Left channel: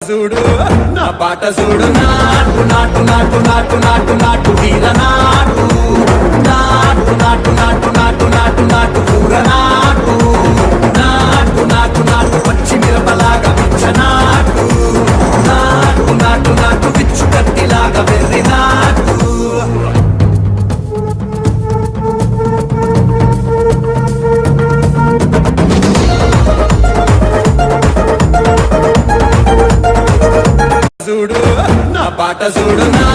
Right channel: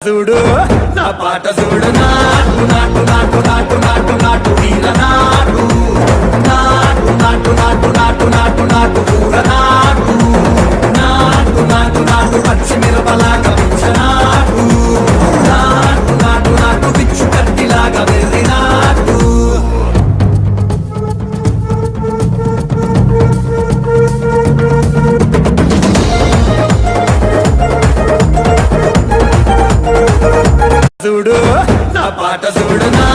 చూడు నా పాట చూడు నాటు నాటు నాటు నాటు నాటు నాటు తీర నాటు నాటు నాటు నాటు నాటు నాటు నాటు కూర నాటు నాటు నాటు నాటు పచ్చి మిరపలాగా పిచ్చ నాటు నాటు నాటు నాటు పిచ్చు కట్టిలాగా వెర్రి నాటు చూడు నా పాట చూడు నా